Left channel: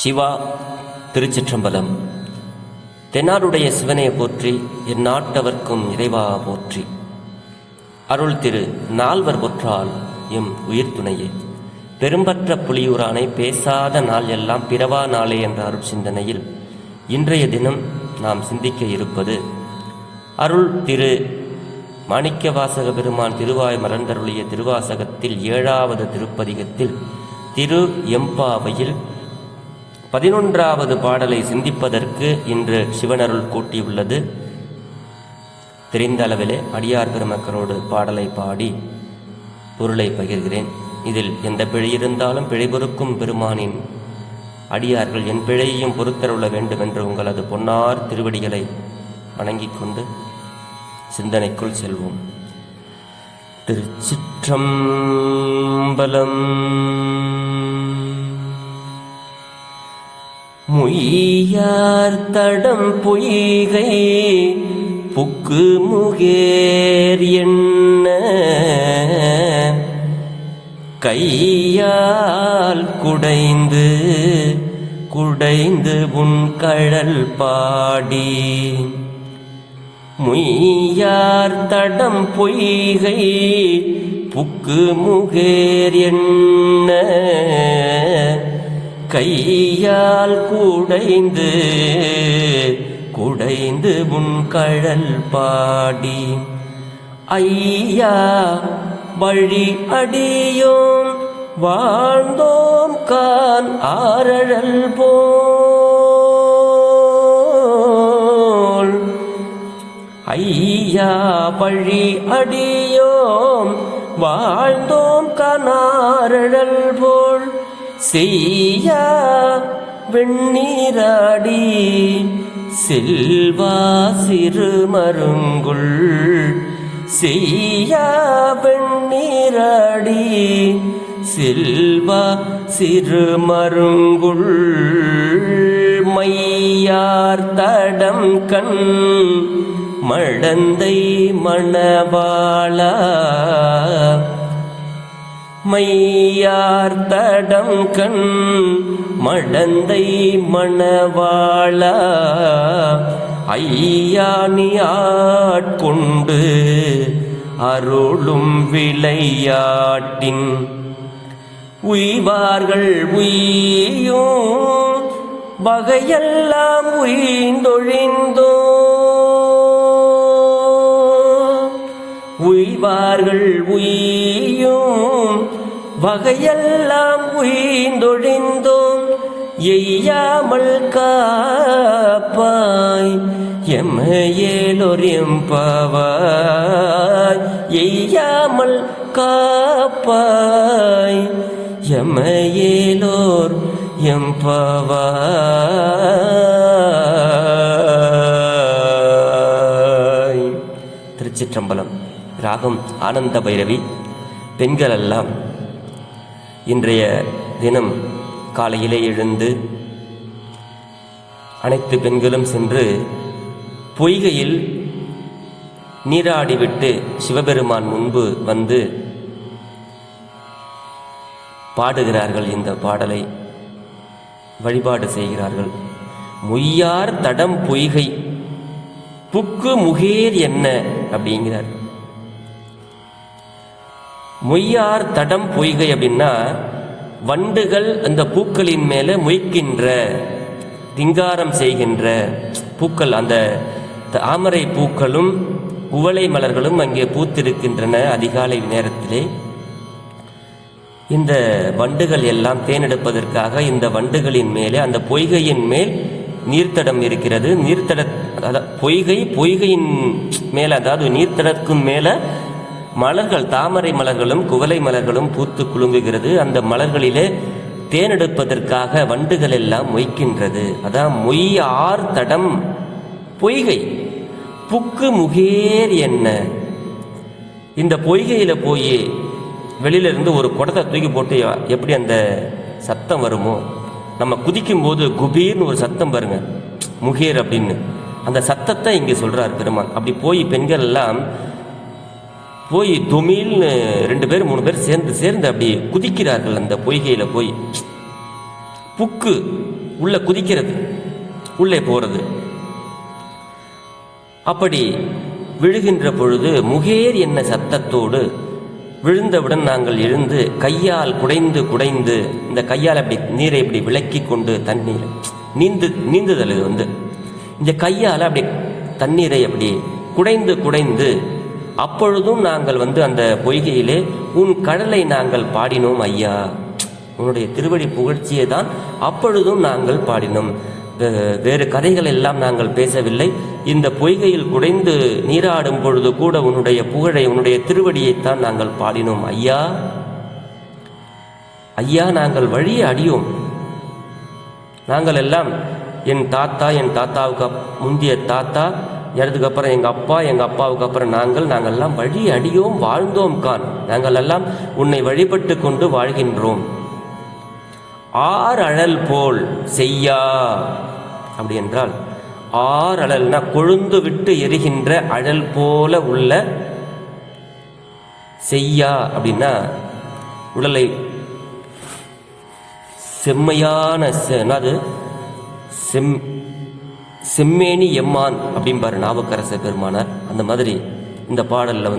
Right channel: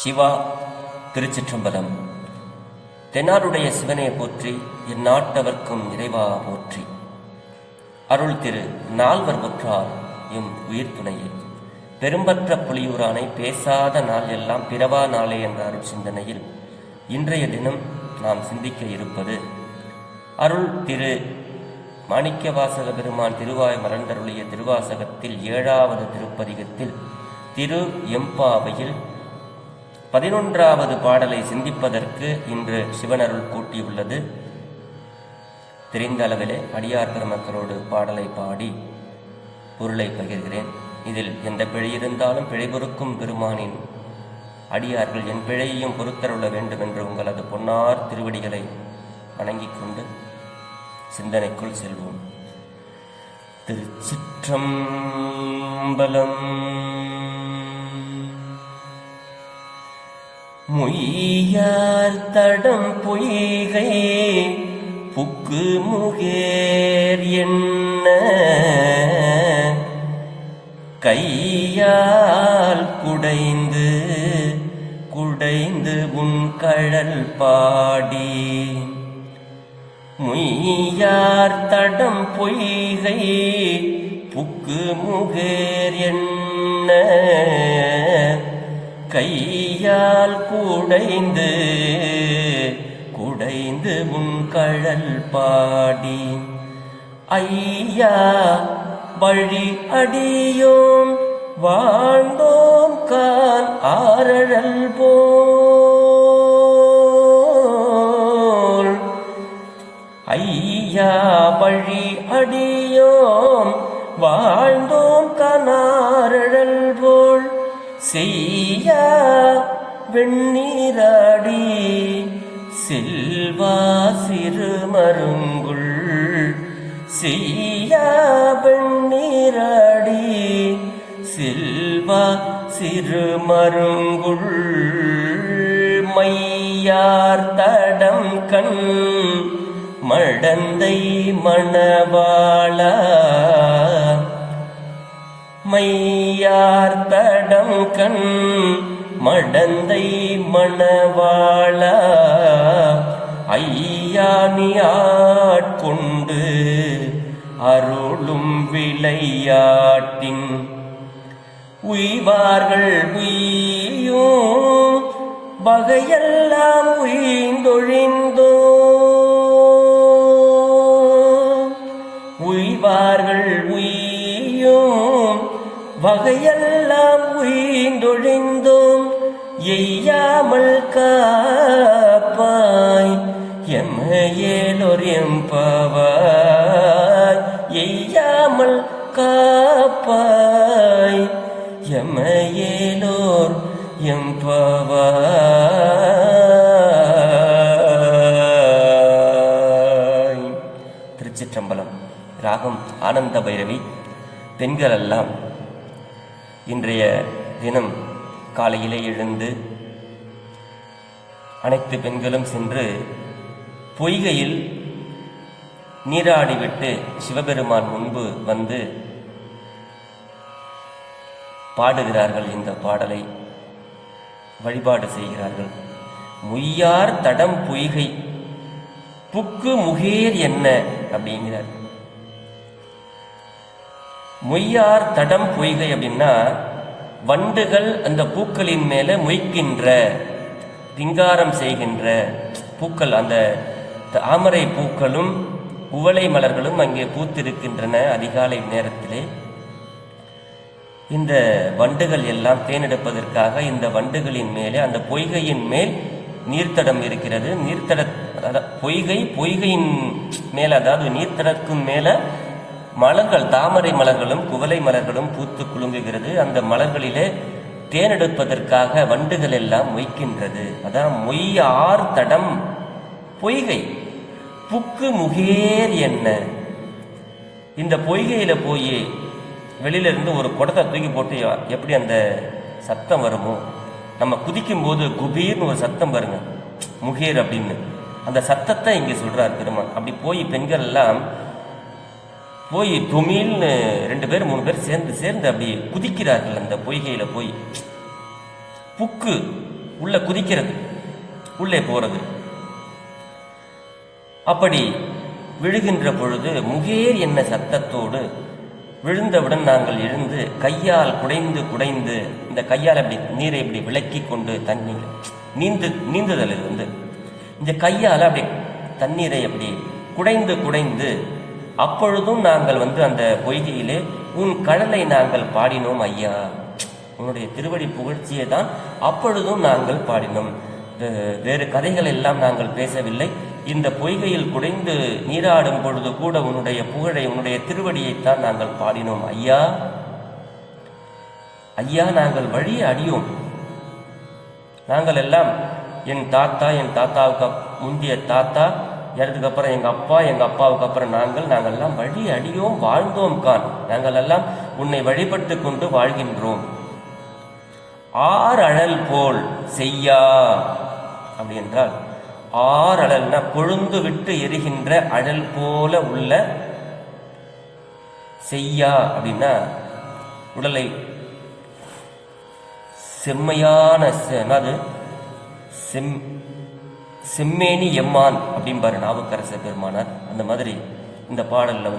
சிவா திருச்சிற்றம்பலம். தென்னாருடைய சிவனைய போற்றி, என் நாட்டவர்க்கும் இறைவா போற்றி. அருள் திரு நால்வர் ஒற்றால் எம் உயிர் துணையே. பெரும்பற்ற புலியூரானை பேசாத நாள் எல்லாம் பிறவா நாளே என்ற அருள் சிந்தனையில் இன்றைய தினம் நாம் சிந்திக்க இருப்பது அருள் திரு மாணிக்கவாசக பெருமான் திருவாய் மலர்ந்தருளிய திருவாசகத்தில் 7வது திருப்பதிகத்தில் திரு எம்பாவையில் 11வது பாடலை சிந்திப்பதற்கு இன்று சிவனருள் கூட்டியுள்ளது. தெரிந்த அளவிலே அடியார் பெருமக்களோடு பாடலை பாடி பொருளை பகிர்கிறேன். இதில் எந்த பிழை இருந்தாலும் பிழை பொறுக்கும் பெருமானின் அடியார்கள் என் பிழையையும் பொறுத்தருள வேண்டும் என்று உங்களது பொன்னார் திருவடிகளை வணங்கிக் கொண்டு சிந்தனைக்குள் செல்வோம். திருச்சிற்றம்பலம். முய்யார் தடம் பொய்கை புக்கு முகேர் என்ன கையால் குடைந்து குடைந்து உன் கழல் பாடி. முய்யார் தடம் பொய்கை புக்கு முகேர் என்ன கையால் குடைந்து குடைந்து உன் கழல் பாடி. ஐயா வழி அடியோம் வாழ்ந்தோம் கான் ஆரழல் போல். ஐயா வழி அடியோம் வாழ்ந்தோம் கான் ஆரழல் போல். செய்யா வெண்ணீராடி செல்வா சிறுமருங்குள். செய்யா வெண்ணீராடி செல்வா சிறுமருங்குள். மையார் தடம் கண் மடந்தை மணவாளா. மையார் தடம் கண் மடந்தை மணவாளா. ஐயானி ஆட்கொண்டு அருளும் விளையாட்டின் உய்வார்கள் உய்யும் வகையெல்லாம் உய்ந்தொழிந்தோ. உய்வார்கள் உய்யும் வகையெல்லாம் உய்ந்தொழிந்தோம். எய்யாமல் காப்பாய் எம்மையேலோர் எம்பாவாய். எய்யாமல் காப்பாய் எம்மையேலோர் எம்பாவாய். திருச்சிற்றம்பலம். ராகம் ஆனந்த பைரவி. பெண்கள் எல்லாம் இன்றைய தினம் காலையிலே எழுந்து அனைத்து பெண்களும் சென்று பொய்கையில் நீராடிவிட்டு சிவபெருமான் முன்பு வந்து பாடுகிறார்கள். இந்த பாடலை வழிபாடு செய்கிறார்கள். முய்யார் தடம் பொய்கை புக்கு முகேர் என்ன அப்படிங்கிறார். மொய்யார் தடம் பொய்கை அப்படின்னா வண்டுகள் அந்த பூக்களின் மேலே மொய்க்கின்ற திங்காரம் செய்கின்ற பூக்கள். அந்த தாமரை பூக்களும் குவளை மலர்களும் அங்கே பூத்திருக்கின்றன. அதிகாலை நேரத்திலே இந்த வண்டுகள் எல்லாம் தேனெடுப்பதற்காக இந்த வண்டுகளின் மேலே அந்த பொய்கையின் மேல் நீர்த்தடம் இருக்கிறது. நீர்த்தட பொய்கையின் மேலே, அதாவது நீர்த்தடக்கும் மேலே மலர்கள், தாமரை மலர்களும் குவளை மலர்களும் பூத்து குலுங்குகிறது. அந்த மலர்களிலே தேனெடுப்பதற்காக வண்டுகள் எல்லாம் மொய்க்கின்றது. அதான் மொய்யார் தடம் பொய்கை புக்கு முகேர் என்ன. இந்த பொய்கையில போய் வெளியிலிருந்து ஒரு குடத்தை தூக்கி போட்டு எப்படி அந்த சத்தம் வருமோ, நம்ம குதிக்கும் போது குபீர்னு ஒரு சத்தம் பாருங்க, முகேர் அப்படின்னு. அந்த சத்தத்தை இங்கே சொல்றார் பெருமான். அப்படி போய் பெண்கள் எல்லாம் போய் துமில்னு 2 பேர் 3 பேர் சேர்ந்து அப்படி குதிக்கிறார்கள் அந்த பொய்கையில் போய். புக்கு உள்ள குதிக்கிறது, உள்ளே போறது. அப்படி விழுகின்ற பொழுது முகேர் என்ன சத்தத்தோடு விழுந்தவுடன் நாங்கள் எழுந்து கையால் குடைந்து குடைந்து, இந்த கையால் அப்படி நீரை இப்படி விலக்கி கொண்டு தண்ணீர் நீந்துதல் இது இந்த கையால் அப்படி தண்ணீரை அப்படி குடைந்து குடைந்து, அப்பொழுதும் நாங்கள் அந்த பொய்கையிலே உன் கடலை நாங்கள் பாடினோம் ஐயா, உன்னுடைய திருவடி புகழ்ச்சியை தான் அப்பொழுதும் நாங்கள் பாடினோம். வேறு கதைகள் எல்லாம் நாங்கள் பேசவில்லை. இந்த பொய்கையில் குடைந்து நீராடும் பொழுது கூட உன்னுடைய புகழை, உன்னுடைய திருவடியைத்தான் நாங்கள் பாடினோம் ஐயா. ஐயா, நாங்கள் வழியை அடியோம். நாங்கள் எல்லாம் என் தாத்தாவுக்கு முந்தைய தாத்தா இறதுக்கு அப்புறம் எங்கள் அப்பாவுக்கு அப்புறம் நாங்கள் எல்லாம் வழி அடியோம் வாழ்ந்தோம் கான். நாங்கள் எல்லாம் உன்னை வழிபட்டு கொண்டு வாழ்கின்றோம். அழல் போல் செய்யா அப்படி என்றால், அழல்னா கொழுந்து விட்டு எரிகின்ற அழல் போல உள்ள, செய்யா அப்படின்னா உடலை செம்மையான செம்மேனி எம்மான் அப்படிம்பாரு நாவுக்கரசர் பெருமானார். அந்த மாதிரி இந்த பாடல்ல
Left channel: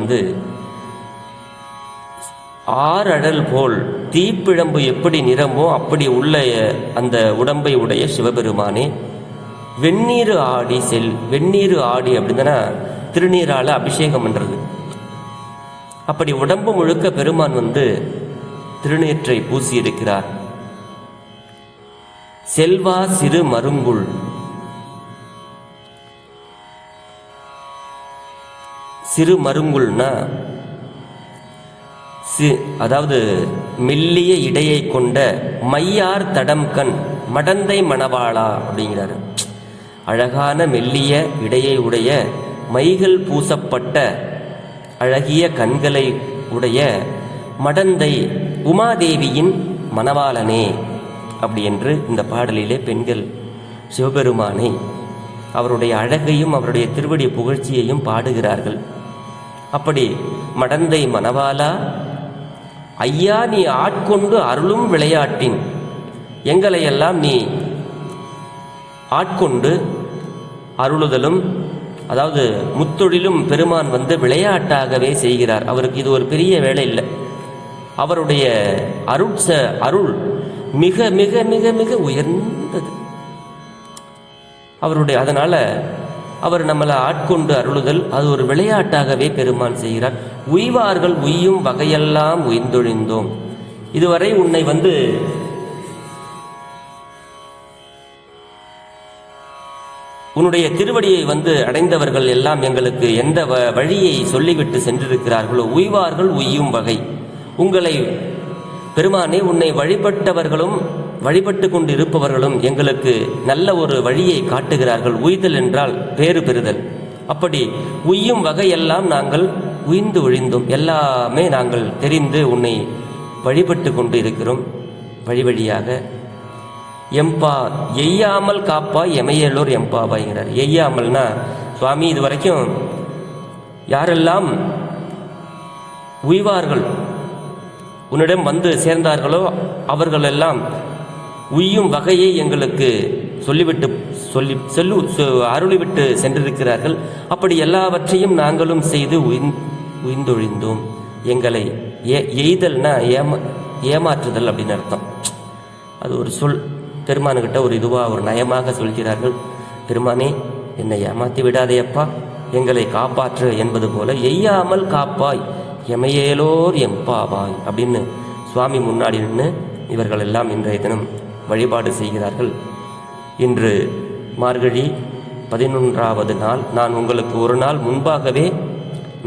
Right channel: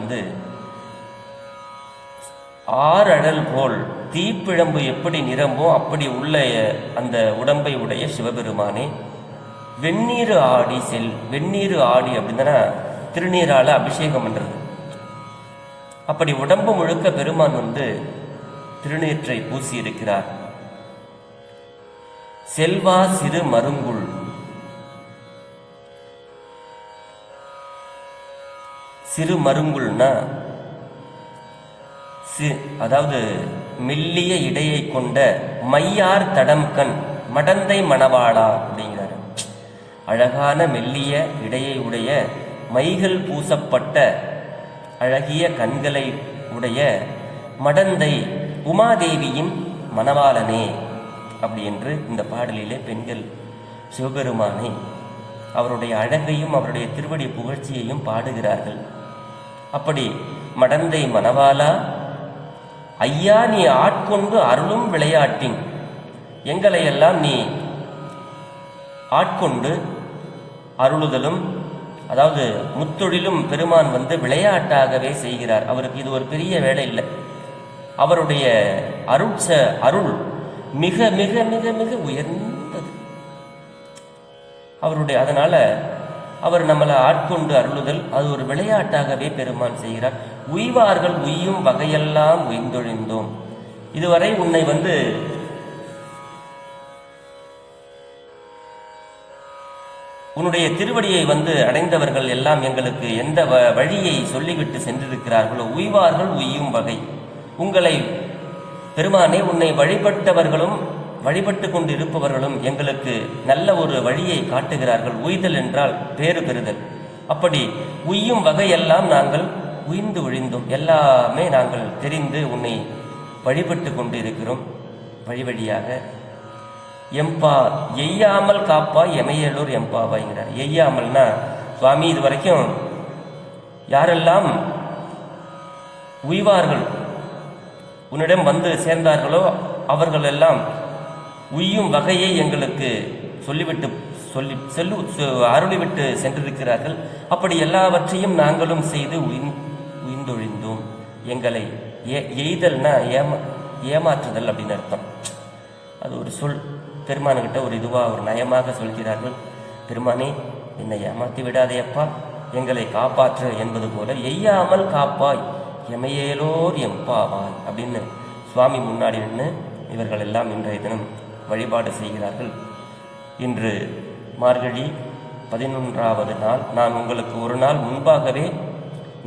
அழல் போல் தீப்பிழம்பு எப்படி நிறமோ அப்படி உள்ள அந்த உடம்பை உடைய சிவபெருமானே, வெந்நீர் ஆடி வெந்நீர் ஆடி அப்படின்னா திருநீரால அபிஷேகம் பண்றது. அப்படி உடம்பு முழுக்க பெருமான் திருநீற்றை பூசி இருக்கிறார். செல்வா சிறு மருங்குள், சிறு மருங்குள்னா அதாவது மெல்லிய இடையை கொண்ட மையார் தடம் கண் மடந்தை மணவாளா அப்படிங்கிறாரு. அழகான மெல்லிய இடையை உடைய மைகள் பூசப்பட்ட அழகிய கண்களை உடைய மடந்தை உமாதேவியின் மணவாளனே அப்படி என்று இந்த பாடலிலே பெண்கள் சிவபெருமானை, அவருடைய அழகையும் அவருடைய திருவடி புகழ்ச்சியையும் பாடுகிறார்கள். அப்படி மடந்தை மணவாளா ஐயா, நீ ஆட்கொண்டு அருளும் விளையாட்டின், எங்களையெல்லாம் நீ ஆட்கொண்டு அருளுதலும், அதாவது முத்தொழிலும் பெருமான் விளையாட்டாகவே செய்கிறார். அவருக்கு இது ஒரு பெரிய வேலை இல்லை. அவருடைய அருள் மிக மிக மிக மிக உயர்ந்தது அவருடைய. அதனால அவர் நம்மளை ஆட்கொண்டு அருளுதல் அது ஒரு விளையாட்டாகவே பெருமான் செய்கிறார். உய்வார்கள் உய்யும் வகையெல்லாம் உய்ந்தொழிந்தோம். இதுவரை உன்னை உன்னுடைய திருவடியை அடைந்தவர்கள் எல்லாம் எங்களுக்கு எந்த வழியை சொல்லிவிட்டு சென்றிருக்கிறார்களோ, உய்வார்கள் உய்யும் வகை, உங்களை பெருமானே உன்னை வழிபட்டவர்களும் வழிபட்டு கொண்டு இருப்பவர்களும் எங்களுக்கு நல்ல ஒரு வழியை காட்டுகிறார்கள். உய்தல் என்றால் பேறு பெறுதல். அப்படி உய்யும் வகையெல்லாம் நாங்கள் உய்ந்து ஒழிந்தோம். எல்லாமே நாங்கள் தெரிந்து உன்னை வழிபட்டு கொண்டு இருக்கிறோம். வழி வழியாக எம்பா எய்யாமல் காப்பா எமையலூர் எம்பாவாய்கிறார். எய்யாமல்னா சுவாமி, இது வரைக்கும் யாரெல்லாம் உய்வார்கள் உன்னிடம் சேர்ந்தார்களோ அவர்கள் எல்லாம் உய்யும் வகையை எங்களுக்கு அருளிவிட்டு சென்றிருக்கிறார்கள். அப்படி எல்லாவற்றையும் நாங்களும் செய்து உய்ந்தொழிந்தோம். எங்களை எய்தல்னா ஏமாற்றுதல் அப்படின்னு அர்த்தம். அது ஒரு சொல். பெருமானுக்கிட்ட ஒரு ஒரு நயமாக சொல்கிறார்கள். பெருமானே, என்னை ஏமாற்றி விடாதேயப்பா, எங்களை காப்பாற்று என்பது போல எய்யாமல் காப்பாய் எமையேலோர் எம்பாவாய் அப்படின்னு சுவாமி முன்னாடி நின்று இவர்கள் எல்லாம் இன்றைய தினம் வழிபாடு செய்கிறார்கள். இன்று மார்கழி 11வது நாள். நான் உங்களுக்கு ஒரு நாள் முன்பாகவே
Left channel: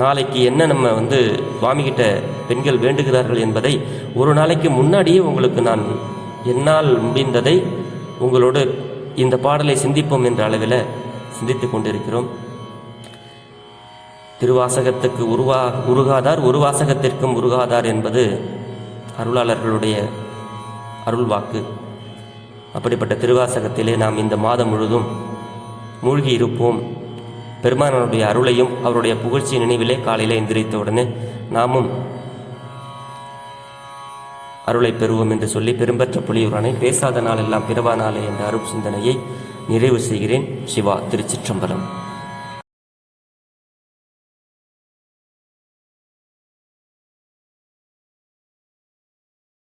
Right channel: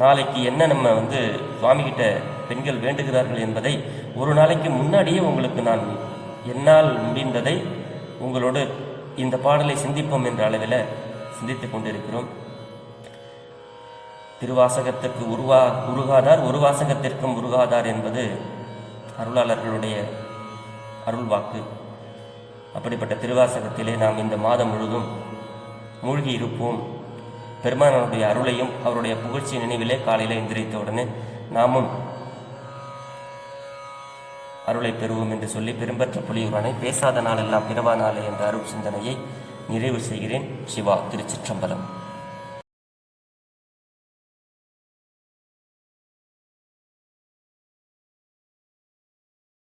நாளைக்கு என்ன நம்ம சுவாமிகிட்ட பெண்கள் வேண்டுகிறார்கள் என்பதை ஒரு நாளைக்கு முன்னாடியே உங்களுக்கு நான் என்னால் முடிந்ததை உங்களோடு இந்த பாடலை சிந்திப்போம் என்ற அளவில் சிந்தித்து கொண்டிருக்கிறோம். திருவாசகத்துக்கு உருகாதார், ஒரு வாசகத்திற்கும் உருகாதார் என்பது அருளாளர்களுடைய அருள்வாக்கு. அப்படிப்பட்ட திருவாசகத்திலே நாம் இந்த மாதம் முழுதும் மூழ்கி இருப்போம். பெருமானுடைய அருளையும் அவருடைய புகழ்ச்சி நினைவிலே காலையில் எந்திரித்த உடனே நாமும் அருளை பெறுவோம் என்று சொல்லி பெரும்பற்ற புலியூரானை பேசாத நாளெல்லாம் பிறவா நாளே என்ற அருள் சிந்தனையை நிறைவு செய்கிறேன். சிவா. திருச்சிற்றம்பலம்.